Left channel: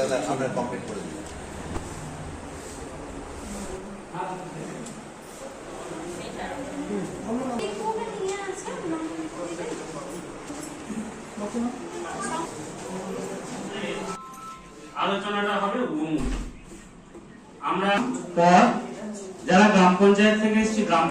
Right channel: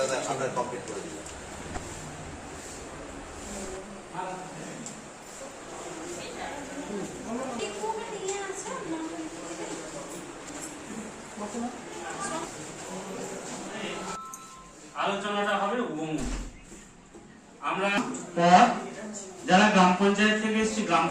দাদা আমরা কমপ্লিট করে দিলাম। আলোচনাটা হবে আমরা যারা গ্রাম পঞ্চায়েত থেকে এসেছি গ্রাম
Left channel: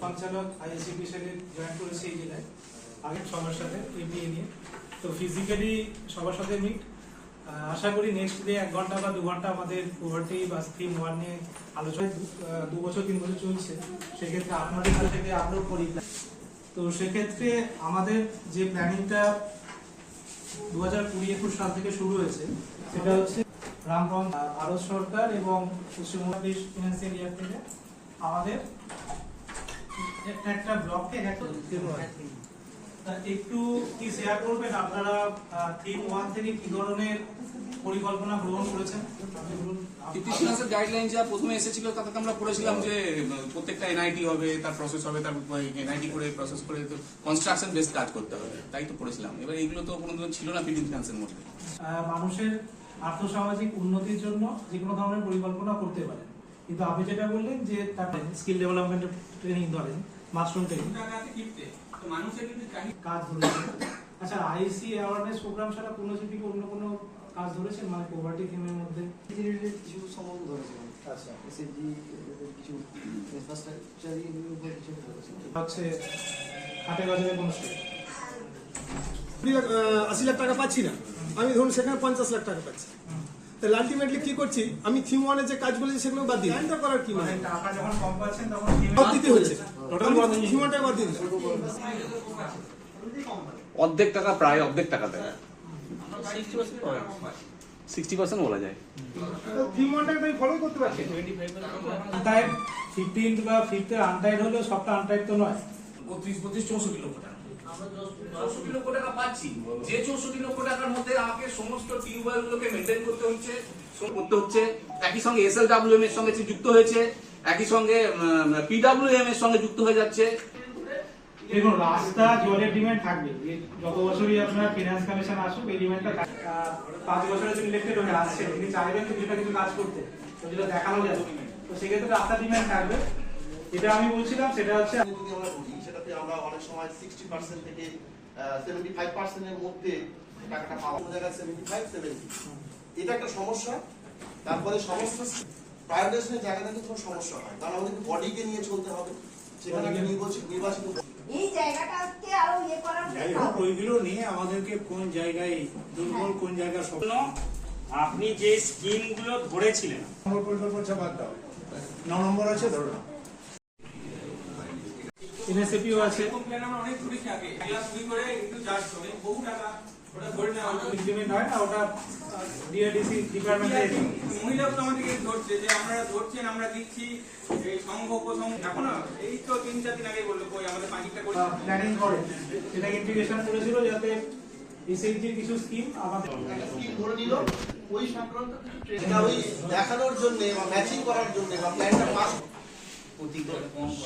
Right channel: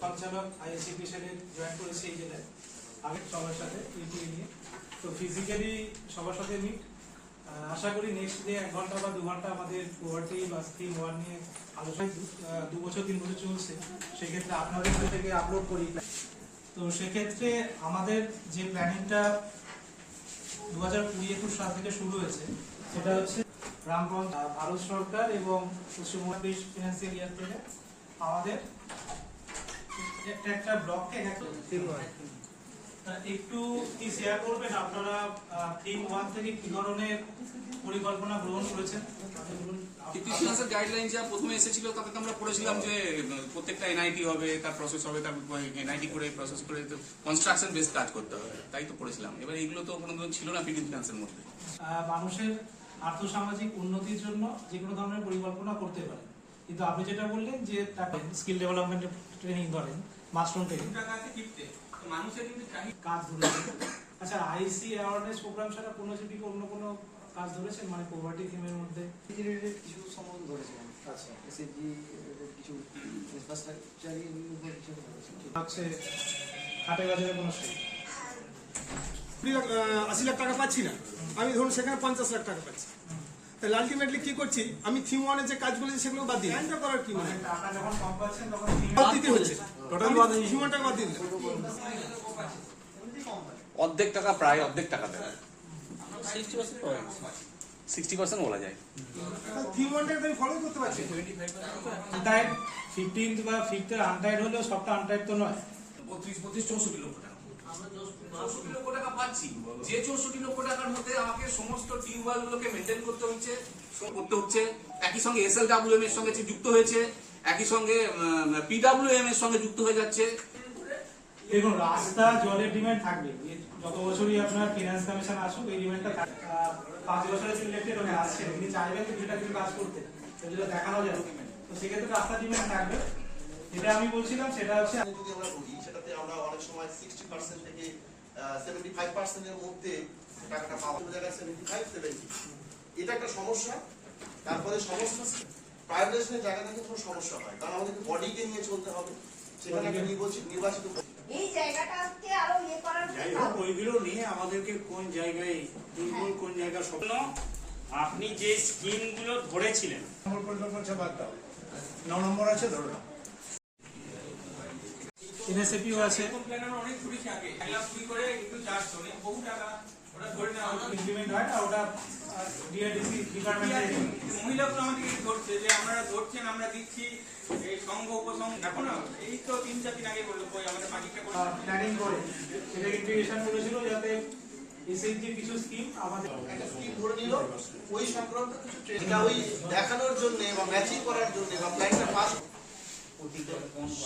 সঞ্চালক আইএসসি সাহেব জয়েন করেছে এই জেলায় আগে সবার সাথে এগিয়ে নিয়ে তো ফিজিক্যালি সবার সাথে মিট আশা করি নেক্সট ডে 1 ঘন্টা বা 2 ঘন্টা আমাদের পোভার্টি বা স্কিম 1 নিয়ে আলোচনা 2 বছর 3 বছর চলছে সেক্ষেত্রে আপনাদের কাছ থেকে আপলোড করি তো সেক্ষেত্রে আমাদের যে প্ল্যানিংটা 2020-21 সাল থেকে শুরু হয়েছে সেটা হচ্ছে গ্রাম পঞ্চায়েত ভারত সরকার এবং পশ্চিমবঙ্গ ফিনান্সিয়াল ইয়ার থেকে আমাদের একটা ব্লককে একটু কি শেয়ার করবেন আপনারা থিম 1 থেকে কি ধরনের পরিকল্পনা গ্রহণ করেছেন? ফিনান্সের গাইডলাইন যা প্রথমে এসেছিল তাতে তো আমরা পড়েছিলাম যে প্রত্যেকটা এনআইটি হবে, তার প্রসেস হবে, তার এনআইটি করে প্রসেস করে কনস্ট্রাকশন বেস কাজ করতে হবে, তাই তো পড়েছিলাম। এবার এগুলো তো কোনোদিন ছিল না ফিনান্সের মধ্যে। মানুষের আর্থসামাজিক উন্নতির জন্য যে কোনো ধরনের পরিকল্পনা করতে পারেন, কিন্তু আপনি যেটা বললেন যে তাকে স্কিল ডেভেলপমেন্ট ট্রেনিং ধরেন, মাশরুম ট্রেনিং মানুষের কিন্তু কাজ ধরেছে। আচ্ছা, আইসি অ্যাওয়ারনেস প্রোগ্রাম ছাড়া কোনো যদি অন্য কোনো কাজ ধরেছেন মানে পভার্টি থিমের মধ্যে? কিছু সম্বন্ধ ধরেছিলাম। আচ্ছা, এসএসজি কিছু ইনফ্রাস্ট্রাকচার উপর কিছু ধরেছিলাম। হচ্ছে হাটে বাজারে কোনো স্টেট 80 লাখ টাকা পাচ্ছি না, আমি ধরুন সেখানে 50 লাখ টাকা পাচ্ছি, তাহলে আলটিমেটলি কি করছি আমি থিম 1 এ যে কাজ বলেছি সেগুলো বাদ দিই। লাইনটা করার কি মানে টাকা যখন কম পাচ্ছেন তখন বাদ দিতে হচ্ছে, টোটাল থিম 1 টাকা বাদ দিতে অর্ধেক টাকা, প্রায় অর্ধেক টাকা দেয়, 60% বলা যায়। থিম 1 টাকে আমি ফলো করতে পারছি। আনটাইড 15 বা 5 এর আনটাইড হলো, সবটা আনটাইড তো নয়। 34 লক্ষ টাকা আমরা 64 লক্ষ টাকা পাচ্ছি, যে 64 লক্ষ টাকার মধ্যে আমাকে সমস্ত টিউবওয়েল গুলোকে মেনটেন করতে হচ্ছে, একই সঙ্গে এসএলডব্লিউএম এর সঙ্গে যুক্ত হয়েছে, একই সঙ্গে পিডব্লিউএম এর সঙ্গে যুক্ত হয়ে যাচ্ছে। দেখুন, রাস্তা জলের ডিমান্ড থাকবে, যত বছরই আপনার ফিনান্স কমিশন আসুক এই ডিমান্ডটা 5 বছরের জন্য ইলেক্টেড হয়ে আসছে, তিনি চাইবেন কিছুটা কিছু কাজ করতে, তো যেটা দেখানো যায় তো সেক্ষেত্রে রাস্তা ডিমান্ড থাকবে। যেটা আমি বলছিলাম সেটা হচ্ছে যদি আমরা বুঝি সেটাতে আমরা অনেক সময় 60% থেকে 75% এর মধ্যে টাকাটা পাওয়া জায়গায় 75-70 এটা একটা সমস্যা। তারপরে সমস্যা প্রাইভেটাইজেশনের জায়গা থেকে কোনো সমস্যা হয়, কারণ আমাদেরকে বডিকে নিয়ে চলতে হবে, সেখানে একটা নির্বাচিত এই জায়গাটাকে আরো ইয়ে করার জন্য ওইগুলো নিয়ে আমাদেরকে কোন জায়গায় দুর্বল কোন জায়গায় স্বপ্ন আপনি যে স্কিমগুলো ধরেছিলেন পরিকল্পনা চাপাত দাও 9 নম্বর আছে ধরো না এনএসএপিও আছে, অনেক ঘুরেছি আগে, করে একটু চার্জ করে বহু টাকা ওটা ধরে নেওয়া ইমপ্লিমেন্ট হয় না, ওটা ডিআরডিসি ডিপার্টমেন্টে মহিলাগুলো আমাদেরকে ধরছে যে আপনারা ধরছেন, আমরা দিচ্ছি এই সংঘ উপসংঘ, এখন এই তো 3-4 দিন আগে বললো কই আমাদের পাঁচিটা করে প্ল্যানিং করে সেটা ইন্টিগ্রেশন করেছিল যাতে এসএসজি কিছু স্কিম আমাদের একটা স্কিম ধরে নিল, ওই সংক্রান্ত কিছু এটা ওই দেখানোর জন্য বা ম্যাচিং করার জন্য বা প্ল্যানটা পাস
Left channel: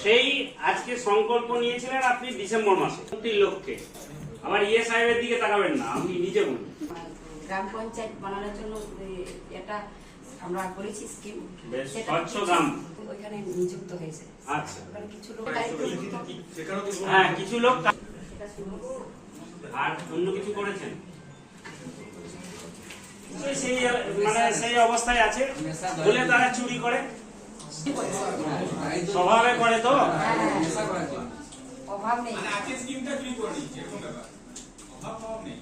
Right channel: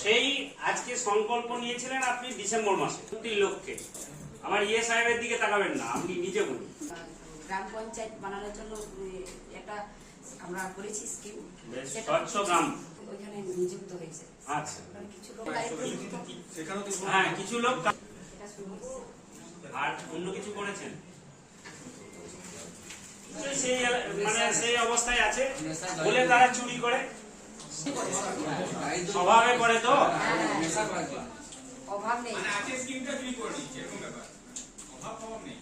সেই আজকে সংকল্প নিয়েছিলেন আপনি ডিসেম্বর মাসে 30 লক্ষে। আমার ইয়ে সাহেবের দিকে তাকাবেন না, আপনি নিজে বলুন। গ্রাম পঞ্চায়েত বানানোর জন্য এটা আমরা করেছি স্কিম, স্বচ্ছ গ্রাম ওইখানে নিযুক্ত হয়েছে। আচ্ছা, কিছু লোক দায়িত্বযুক্ত, হ্যাঁ কিছু লোক, আর অন্য কিছু করেছেন সেই মানে সেই অবস্থায় আছে বলে তারা চুরি করে স্বভাবে করে, তো অভাব নেই। অভাব নেই।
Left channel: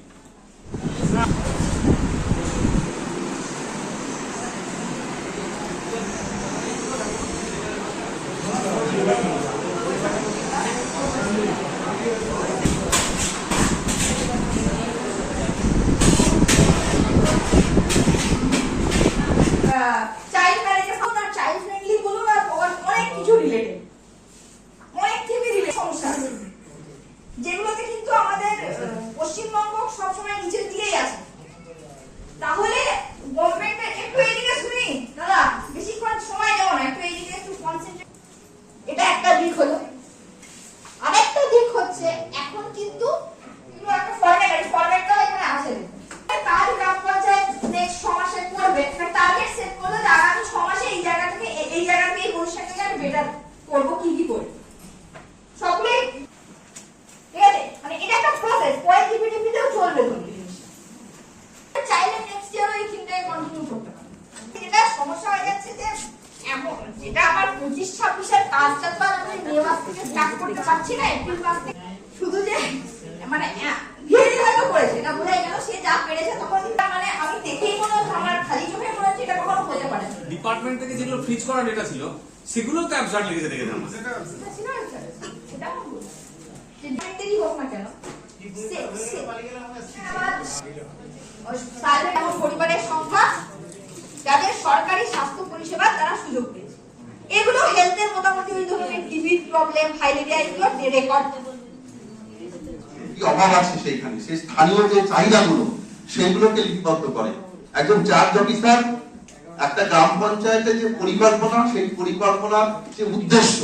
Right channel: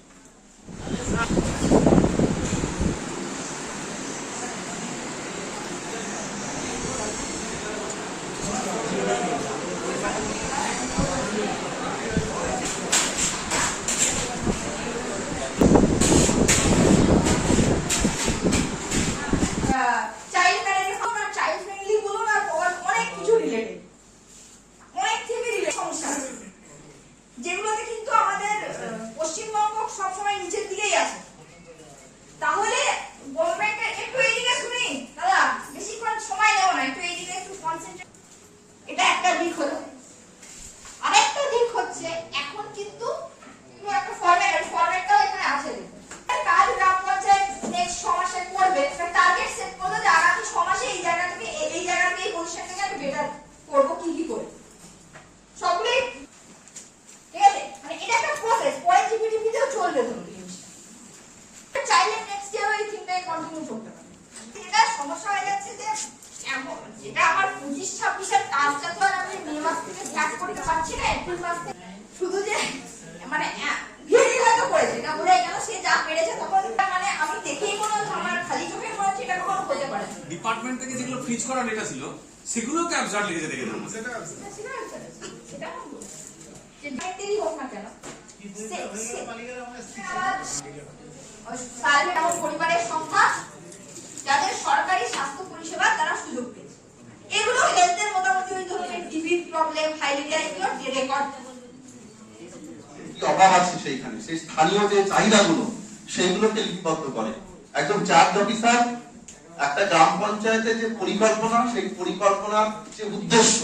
চাইল্ড ম্যারেজের জন্য চাইল্ড ফ্রেন্ডলি বলুন আর অনেক কিছু রিলেটেড, অনেক থেকে রিলেটেড সমস্যা আছে যেগুলোতে কিন্তু আমাদের পশ্চিমবঙ্গ সবসময় নিচের দিকেই আছে। পাচ্ছি না এপ্রিল মাস থেকে শুধু যে মানে ঘিরে হয়তো করেছে এটা বলে গেল সে যা পেরেছে তখন মানে আমি দেখেই মনে হচ্ছে আমার খালি চোখে মনে হচ্ছে এটা কখনো হতে পারে না। ডিপার্টমেন্ট থেকে যেগুলো ফ্রিজ করা ডেটা ছিল সেগুলো তো অ্যাবসার্ড লিখে রেখেছে আমাদের। সেটা যে ব্যাটারি হোক না কেন সার্ভে এমন পরিবারের সংখ্যা যাদের সরকারি স্বাস্থ্য পরিষেবা তারা সুযোগ পেয়েছে, এগুলো হেলথের মোটামুটি ওই ধরনের টিবি প্রবলেম ফাইলেরিয়া এগুলো রেকর্ড কি অভাব আছে সেইখানে, সেই স্থানীয় যে চাহিদাগুলো সেইগুলোকে লিপিবদ্ধ করে একজন চার্জ অফিসার। একটা গ্রাম পঞ্চায়েতের যে পরিকল্পনা, সেই পরিকল্পনার যে উদ্দেশ্য,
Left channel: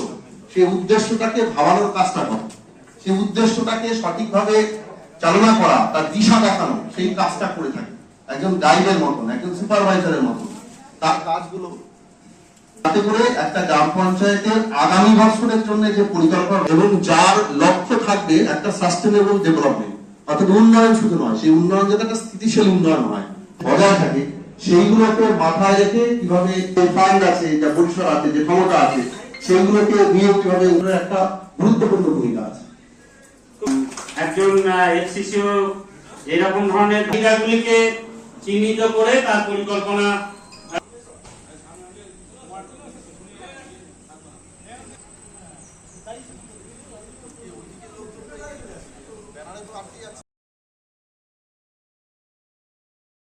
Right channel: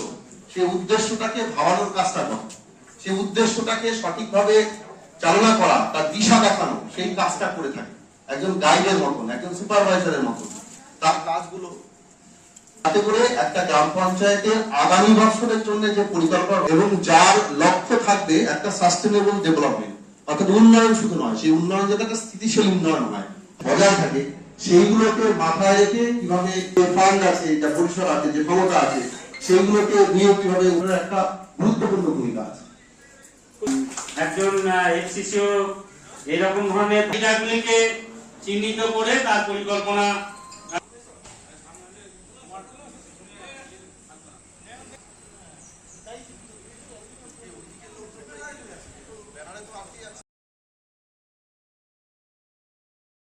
সেই উদ্দেশ্যটাকে ভাবানোর কাজটা করে, সেই উদ্দেশ্যটাকে সঠিকভাবে চালনা করা, তার দিশা দেখানো, সেই কাজটা করে থাকে একজন গাইডের মতন, একজন সুপারভাইজারের মতন। তার কাজগুলো তাতে করে একটা গ্রাম পঞ্চায়েতের আগামী বছরের জন্য যে পরিকল্পনা এবং যার লক্ষ্য থাকবে একটা সাস্টেনেবল ডেভেলপমেন্ট, অর্থাৎ উন্নয়ন শুধু নয়, সেই উন্নয়ন যাতে একটা স্থিতিশীল উন্নয়ন হয়, বজায় থাকে, সেইগুলোকে মাথায় রেখে কিভাবে ফান্ড আছে, যা পরিসর আছে, যে ক্ষমতা আছে, সেইগুলোকে নিয়োগ কিভাবে একটা গুরুত্বপূর্ণ ভূমিকা আছে। একজন এফসিসিও এরকম ধরনের ক্রীড়াগুলিকে চিহ্নিত করে তার পরিকল্পনা